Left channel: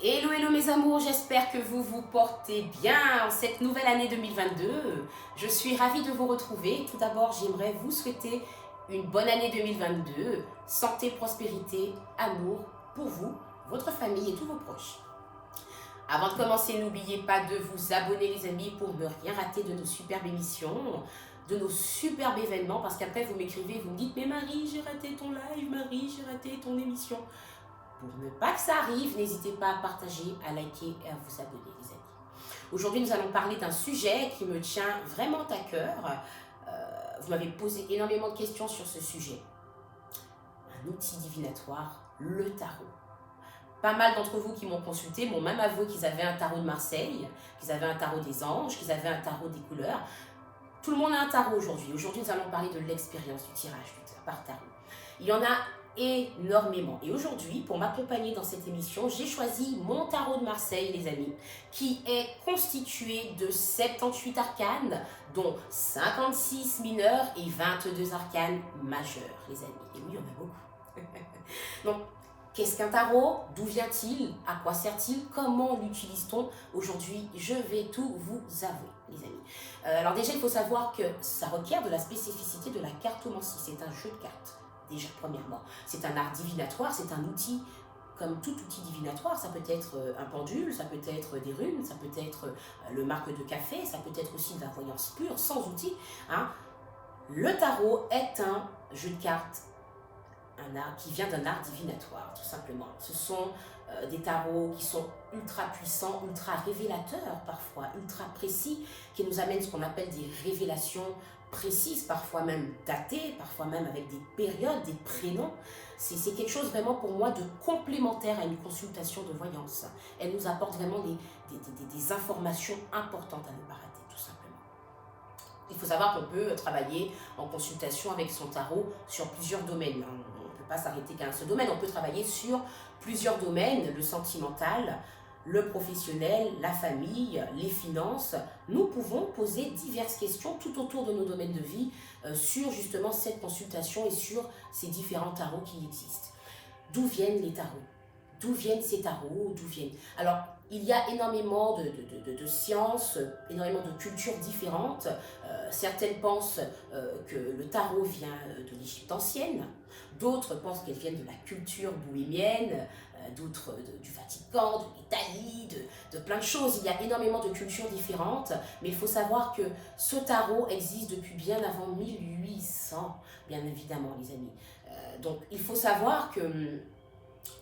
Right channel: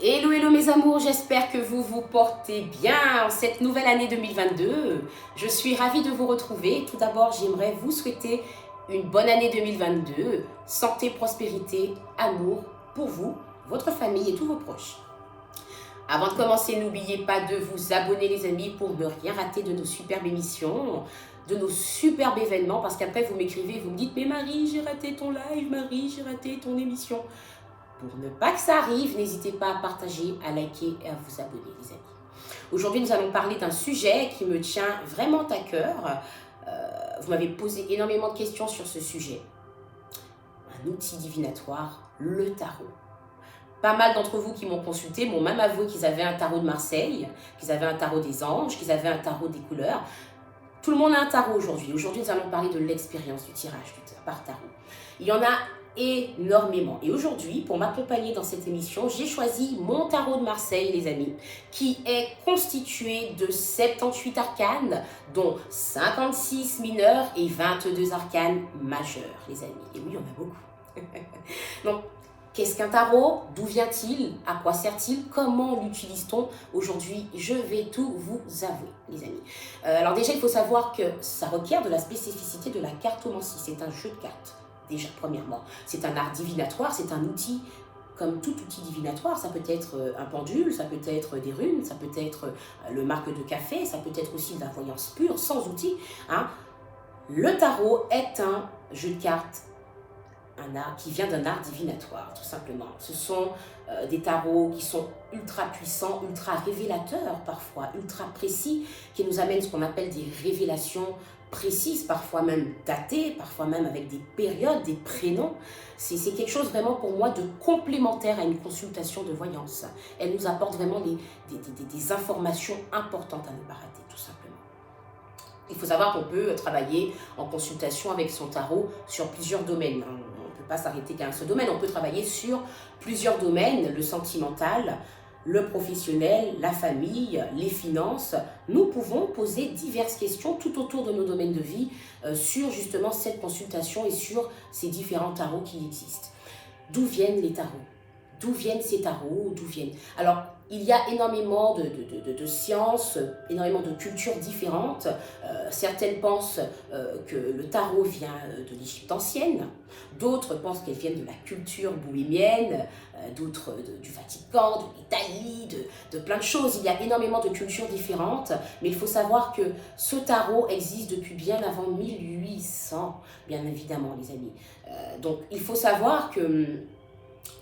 Hello, hello mes amours, j'espère que vous vous portez bien en cette nouvelle année 2022. Je suis ravie de vous retrouver. Tout d'abord, j'aimerais vous souhaiter une bonne année 2022. Santé, prospérité, amour pour vous, votre famille et tous vos proches. Avant de commencer, n'oubliez pas de vous abonner les amis pour ne rien rater de nos superbes émissions, de nos superbes événements, parce qu'après vous m'écrivez, vous me dites « Mais Marie, j'ai raté ton live, Marie, j'ai raté ton émission ». Pour ne pas que ça arrive, n'hésitez pas à partager, à liker et à vous abonner, les amis. Aujourd'hui, nous allons parler d'un sujet qui me tient vraiment à cœur. Vous m'avez posé énormément de questions sur ce sujet. Un outil divinatoire, le tarot. Pas mal d'entre vous qui m'ont consulté m'ont même avoué qu'ils avaient un tarot de Marseille, qu'ils avaient un tarot des anges, qu'ils avaient un tarot des couleurs. Tout le monde a un tarot aujourd'hui. Aujourd'hui, nous allons parler de l'expérience du tirage par tarot. Il y en a énormément. Et aujourd'hui, pour m'accompagner dans cette émission, j'ai choisi mon tarot de Marseille, les amis, qui est constitué de 78 arcanes, dont 56 mineurs et 22 arcanes majeurs, les amis. Et oui, il y en a beaucoup. Donc, qu'est-ce qu'un tarot? D'où vient-il? À quoi sert-il? Comment l'utilise-t-on? Aujourd'hui, je vais tout vous avouer, les amis. Alors déjà, il faut savoir que ça requiert de la spécificité de la cartomancie. C'est un jeu de cartes, déjà, premièrement. C'est un art divinatoire, c'est un outil, comme tout outil divinatoire. Ça peut être un pendule, ça peut être des runes, ça peut être le marque de café, ça peut être aussi de la voyance pure, sans outil. Hein. Le tarot est un jeu de cartes, un art qui vient d'un art divinatoire, tout simplement. Ce sont des tarots qui sont ultra puissants, ultra révélateurs parfois, ultra précis, qui nous amènent ce qu'on appelle des révélations précises, parfois même datées, parfois même avec des périodes, des prénoms. C'est quelque chose vraiment pour moi de complémentaire à une consultation de voyance. Elle nous apporte vraiment des informations importantes à ne pas rater, tout simplement. Il faut savoir qu'on peut travailler en consultation avec son tarot sur plusieurs domaines. On ne peut pas s'arrêter qu'à un seul domaine. On peut travailler sur plusieurs domaines, le sentimental, le professionnel, la famille, les finances. Nous pouvons poser diverses questions tout autour de nos domaines de vie sur justement cette consultation et sur ces différents tarots qui existent. D'où viennent les tarots? D'où viennent ces tarots? D'où viennent... Alors, il y a énormément de sciences, énormément de cultures différentes. Certaines pensent que le tarot vient de l'Égypte ancienne, d'autres pensent qu'elle vient de la culture bohémienne, d'autres du Vatican, de l'Italie, de plein de choses. Il y a énormément de cultures différentes, mais il faut savoir que ce tarot existe depuis bien avant 1800, bien évidemment, les amis. Donc, il faut savoir que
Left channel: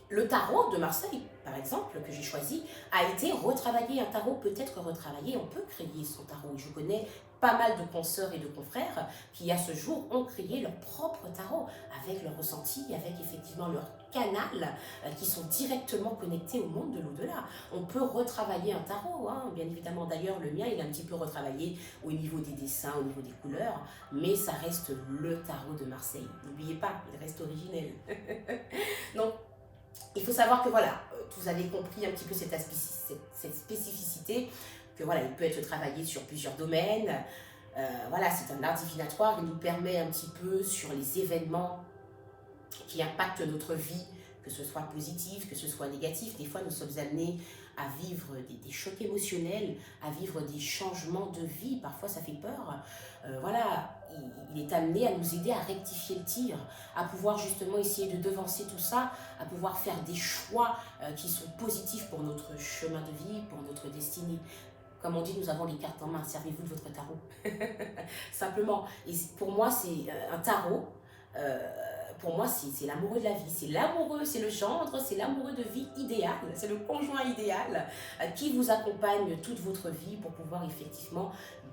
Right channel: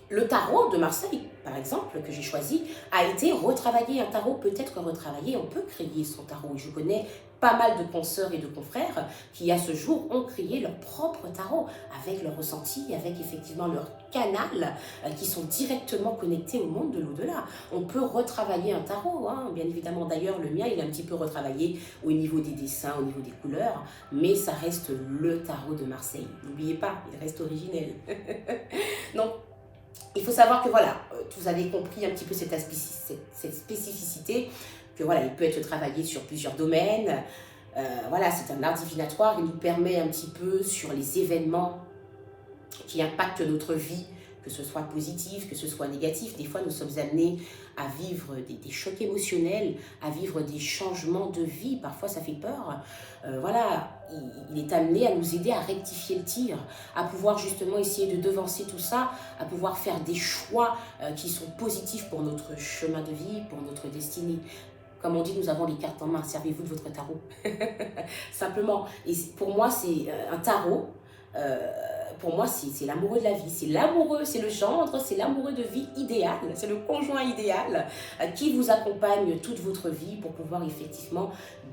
le tarot de Marseille, par exemple, que j'ai choisi, a été retravaillé. Un tarot peut être retravaillé, on peut créer son tarot. Je connais pas mal de consoeurs et de confrères qui, à ce jour, ont créé leur propre tarot avec leur ressenti, avec effectivement leur canal, qui sont directement connectés au monde de l'au-delà. On peut retravailler un tarot, hein, bien évidemment. D'ailleurs, le mien, il est un petit peu retravaillé au niveau des dessins, au niveau des couleurs, mais ça reste le tarot de Marseille. N'oubliez pas, il reste originel. Donc, il faut savoir que voilà, vous avez compris un petit peu cette spécificité, que voilà, il peut être travaillé sur plusieurs domaines. Voilà, c'est un art divinatoire, il nous permet un petit peu sur les événements qui impactent notre vie, que ce soit positif, que ce soit négatif. Des fois, nous sommes amenés à vivre des chocs émotionnels, à vivre des changements de vie. Parfois, ça fait peur. Voilà, il est amené à nous aider à rectifier le tir, à pouvoir justement essayer de devancer tout ça, à pouvoir faire des choix qui sont positifs pour notre chemin de vie, pour notre destinée. Comme on dit, nous avons les cartes en main. Servez-vous de votre tarot. Simplement. Et pour moi, c'est un tarot. Pour moi, c'est l'amoureux de la vie, c'est l'amoureux, c'est le gendre, c'est l'amoureux de vie idéal, c'est le conjoint idéal qui vous accompagne toute votre vie pour pouvoir effectivement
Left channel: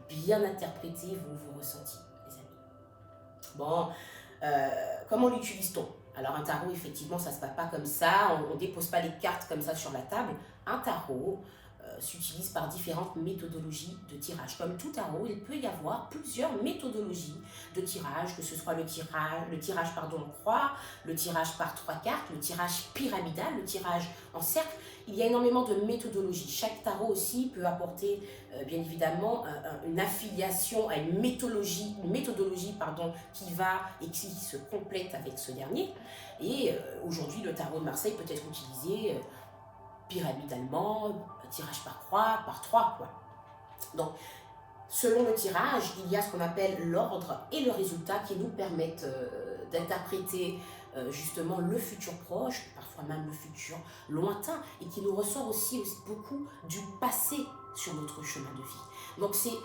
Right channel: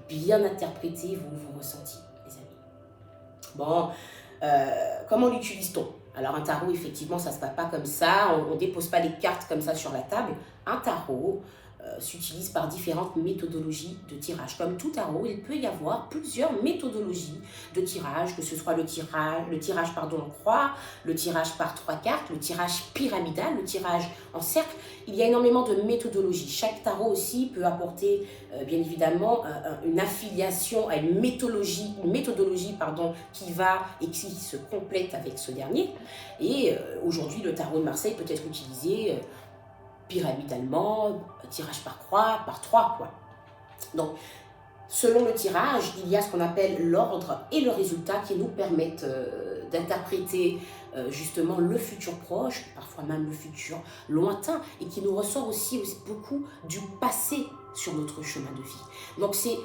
bien interpréter vos ressentis, les amis. Bon, comment l'utilise-t-on? Alors un tarot, effectivement, ça ne se passe pas comme ça, on ne dépose pas les cartes comme ça sur la table. Un tarot s'utilise par différentes méthodologies de tirage. Comme tout tarot, il peut y avoir plusieurs méthodologies de tirage, que ce soit le tirage en croix, le tirage par 3 cartes, le tirage pyramidal, le tirage en cercle. Il y a énormément de méthodologies. Chaque tarot aussi peut apporter, bien évidemment, une affiliation à une méthodologie qui va et qui se complète avec ce dernier. Et aujourd'hui, le tarot de Marseille peut être utilisé pyramidalement, tirage par croix, par 3 quoi. Donc, selon le tirage, il y a ce qu'on appelle l'ordre et le résultat qui nous permettent d'interpréter justement le futur proche, parfois même le futur lointain, et qui nous ressort aussi beaucoup du passé sur notre chemin de vie. Donc c'est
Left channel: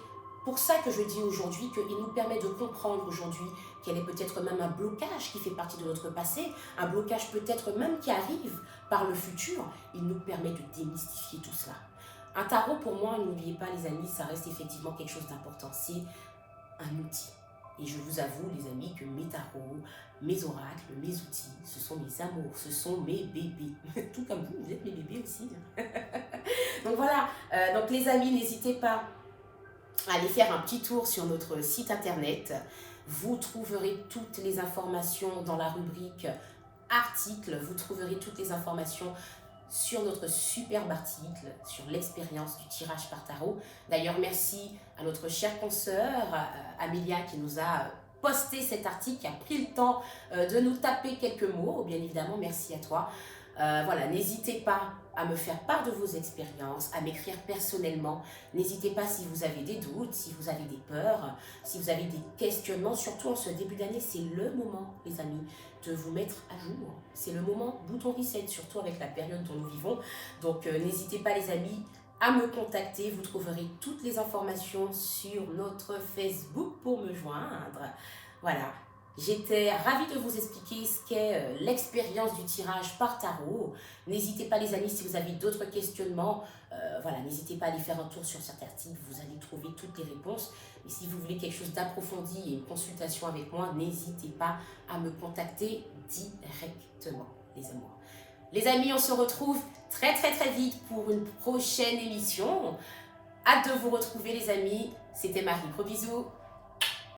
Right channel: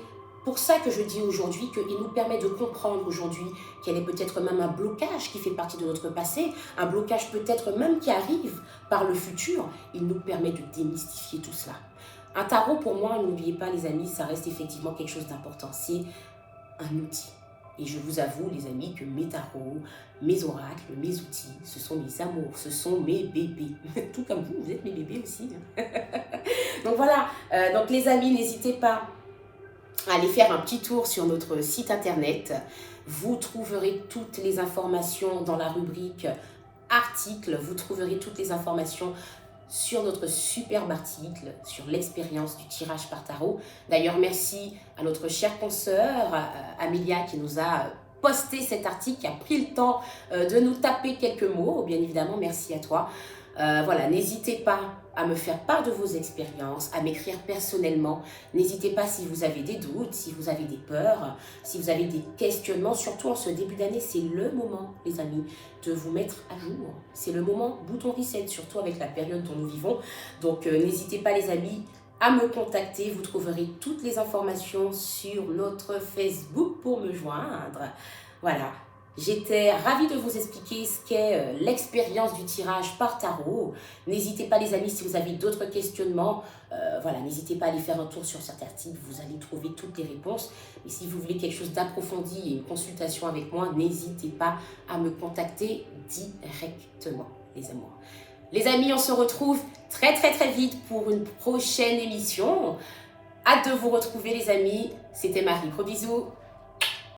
pour ça que je dis aujourd'hui qu'il nous permet de comprendre aujourd'hui quel est peut-être même un blocage qui fait partie de notre passé, un blocage peut-être même qui arrive par le futur. Il nous permet de démystifier tout cela. Un tarot, pour moi, n'oubliez pas les amis, ça reste effectivement quelque chose d'important. C'est un outil. Et je vous avoue, les amis, que mes tarots, mes oracles, mes outils, ce sont mes amours, ce sont mes bébés. Tout comme vous êtes mes bébés aussi. Donc voilà, donc les amis, n'hésitez pas à aller faire un petit tour sur notre site internet. Vous trouverez toutes les informations dans la rubrique articles. Vous trouverez toutes les informations sur notre superbe article sur l'expérience du tirage par tarot. D'ailleurs, merci à notre chère consoeur Amélia qui nous a posté cet article, qui a pris le temps de nous taper quelques mots. Bien évidemment, merci à toi. Voilà, n'hésitez pas à me faire part de vos expériences, à m'écrire personnellement. N'hésitez pas si vous avez des doutes, si vous avez des peurs, si vous avez des questionnements. Surtout en ce début d'année, c'est le moment, les amis, de vous mettre à jour. C'est le moment bouton reset, surtout avec la période dont nous vivons. Donc, n'hésitez pas, les amis, à me contacter. Vous trouverez toutes les informations sur notre Facebook pour me joindre. Voilà. J'étais ravie de vous expliquer ce qu'est l'expérience du tirage par tarot. N'hésitez pas les amis, si vous avez d'autres questionnements, voilà, n'hésitez pas à aller faire un tour sur cet article, vous allez trouver toutes les réponses. Et si vous voulez quelque chose d'approfondi et une consultation avec moi, n'hésitez pas à me contacter directement, les amours. Les amis, on se retrouve très vite pour une prochaine émission. Hâte de vous retrouver les amis. C'était Marie, gros bisous.